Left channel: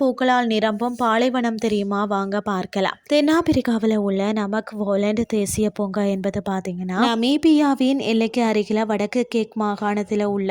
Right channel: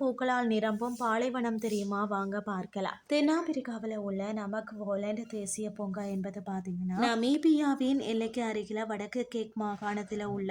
பூக்களால் நிரம்பும் பாலைவனம் தெரியுமா? வாங்க பார்க்கலாம். தென்னாப்பிரிக்காவில் உள்ள நமக் வோலண்ட் தேசிய பூங்கா என்பது பார்த்தீங்கன்னா நமீபியாவின் எல்லைக்கு அருகில வடக்கு கேக் மாகாணத்தில் உள்ள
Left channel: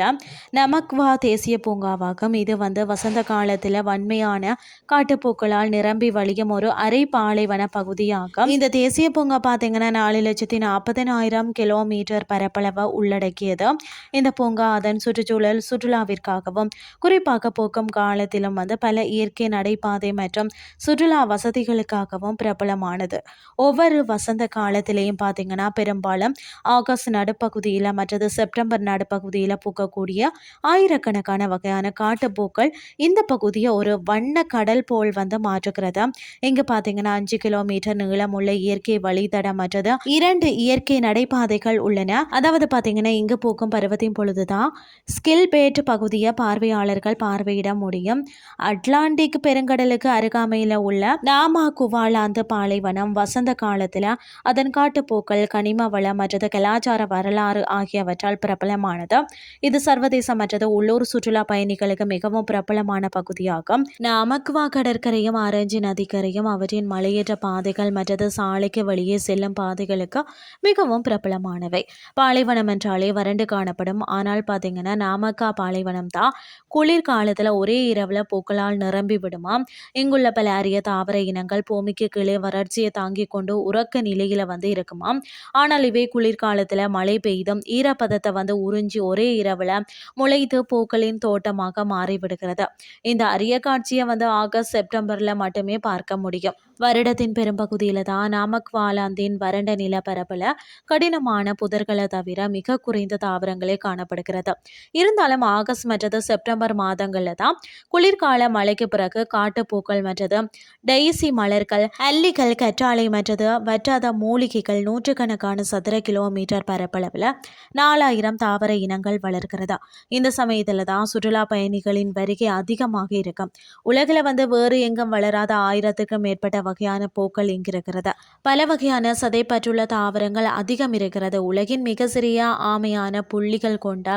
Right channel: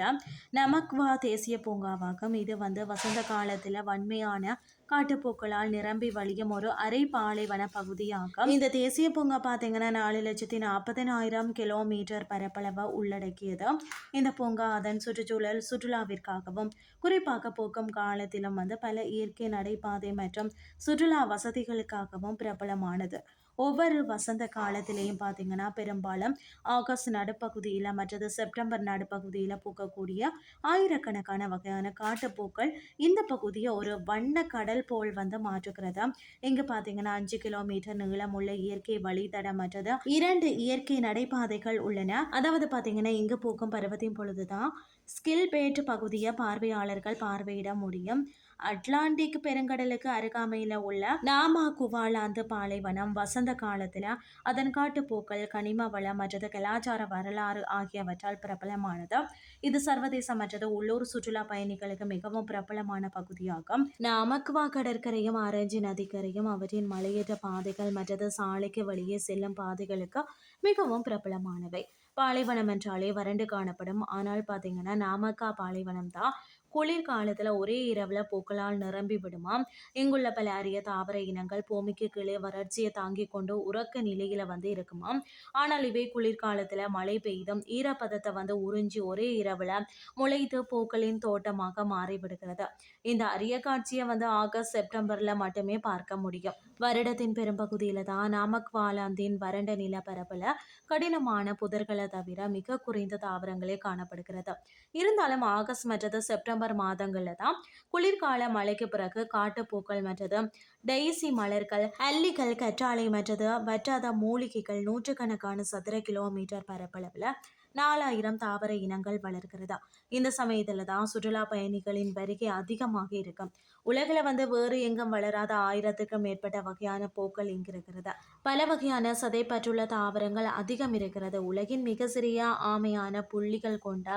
நமக்வா தேசிய பூங்காவாகும். இது வந்து வசந்த காலத்தில் வன்மையான காட்டுப்பூக்களால் நிரம்பி வழியும் ஒரு அரை பாலைவன பகுதியாகும். இந்த தேசிய பூங்கா பார்த்தீங்கன்னா நாலு லட்சத்தி நாற்பதனாயிரம் கிலோமீட்டர் பரப்பளவை உள்ளடக்கியது. இந்த பூங்கா அதன் சுற்றுச்சூழல் சுற்றுலாவிற்காகவும் குறிப்பாக போக்கும் காலத்திலும் வந்து பல இயற்கை நடைபாதை மற்றும் சுற்றுலா வசதிகளுக்காகவும் பிரபலமானது. ஒவ்வொரு வசந்த காலத்திலையும் பார்த்தீங்கன்னா பெரும்பாலும் ஆகஸ்ட் நடுப்பகுதியில் மற்றது செப்டம்பர் நடுப்பகுதியில் பூக்கக்கூடிய ஆயிரக்கணக்கான வகையான காட்டுப்பூக்கள் இந்த பகுதியை ஒரு வண்ண கடல் போல் வந்து மாற்றுகிறது? இங்கு பார்த்தீங்கன்னா அஞ்சு கிலோமீட்டர் நீளமுள்ள இயற்கை வழித்தடம் மற்றது இரண்டு இயற்கை நடைபாதைகள் உள்ளன. அதாவது பார்த்தீங்கன்னா இங்கு பூக்கும் பருவத்தின் பொழுதுதான் ஸ்கில் பேட் பகுதியை பார்வையாளர்கள் பார்வையிட முடியும். அட்லாண்டிக் பெருங்கடலுக்கு அருகாமையில் உள்ள நாமா குவாலாந்து பாலைவனம் வசந்த காலத்தில் அதன் காட்டுப்பூக்கள் கனிம வளம் மற்றது கலாச்சார வரலாறு ஆகியவற்றால் பிரபலமானது. இது சர்வதேச மற்றது உள்ளூர் சுற்றுலா பயணிகளுக்கு மிகவும் பிரபலமான பகுதியாகும். நாமக்குவா கடற்கரையும் ஆரஞ்சு நதிக்கரையும் அவற்றின் மலையேற்ற பாதைகள் மற்றது சாலைக்கு வழியே செல்லும் பாதைகளுக்கு மிகவும் பிரபலமானவை. பாலைவனம் என்றாலே வறண்டு காணப்படும். ஆனால் பார்த்தீங்கன்னா நாமக்கா பாலைவனம் தான் குளிர்காலத்தில் ஒரே இரவில் பூக்களால் நிரம்பி விடுமாம் இங்குள்ள பல அரிய தாவர இனங்கள் பூமிக்கு கீழே வறட்சியை தாங்கிக் கொண்டு உறக்க நிலையில வந்து இருக்குமாம் ஆனால் இவை குளிர்காலத்தில் மழை பெய்தும் ஈரப்பதத்தை வந்து உறிஞ்சி ஒரே இரவில் முளைத்து பூக்களின் தோட்டமாக மாறிவிடுகிறது. இந்த அரிய காட்சியை வந்து ஆகஸ்ட் செப்டம்பரில் மட்டுமே பார்க்க முடியும். வருடத்தின் பெரும்பகுதியில் தான் நாமக்வாலாந்தின் வறண்ட நிலப்பரப்பில் கடினமான புதர்களை தவிர மிக குறைந்த தாவரங்களே காணப்படுகிறது. இருந்தாலும் ஆகஸ்ட் மற்றது செப்டம்பர் மாதங்களில் தான் குளிர்கால மழைக்கு பிறகு காட்டுப்பூக்கள் மற்றது டெய்சி மலர்கள் அல்லிகள் கற்றாழை மற்றது வற்றாத மூலிகைகள் நூற்றுக்கணக்கான சதுர கிலோமீட்டர் பரப்பளவில் நாலாயிரம் தாவர இனங்கள் வளர்கிறது. இந்த சமயத்தில் தான் சுற்றுலா பயணிகளின் வருகை அதிகமாக இருக்கும். உலகில் வந்து வேறு எங்கும் வளராத ஆயிரத்துக்கும் மேற்பட்ட வகையான பூக்கள் இங்கு இருக்கிறது பல வகையான சதைப்பற்றுள்ள தாவரங்கள் அதிகம் இருக்கிறது. உலகின் மிக சிறிய ஆமையான புள்ளிகள் கொண்ட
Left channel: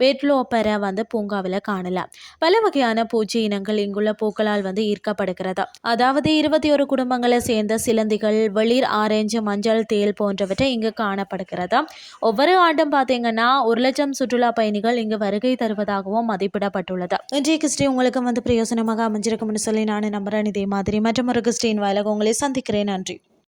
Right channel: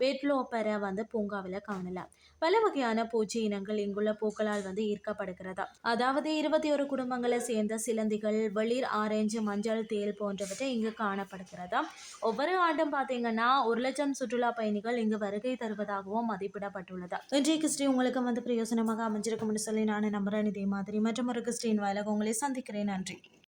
வெட்லோப்பரை வந்து பூங்காவில் காணலாம் பல வகையான பூச்சி இனங்கள் இங்குள்ள பூக்களால் வந்து ஈர்க்கப்படுகிறது. அதாவது இருபத்தி ஒரு குடும்பங்களை சேர்ந்த சிலந்திகள் வெளிர் ஆரஞ்சு மஞ்சள் தேல் போன்றவற்றை இங்கு காணப்படுகிறது. ஒவ்வொரு ஆண்டும் பார்த்தீங்கன்னா ஒரு லட்சம் சுற்றுலா பயணிகள் இங்கு வருகை தருவதாகவும் மதிப்பிடப்பட்டுள்ளது. இன்றைய கிறிஸ்டி உங்களுக்கு வந்து பிரயோசனமாக அமைஞ்சிருக்கும்னு சொல்லி நான் நம்புறேன். இதே மாதிரி மற்றும் ஒரு கிறிஸ்டின் வாயிலாக உங்களை சந்திக்கிறேன். நன்றி.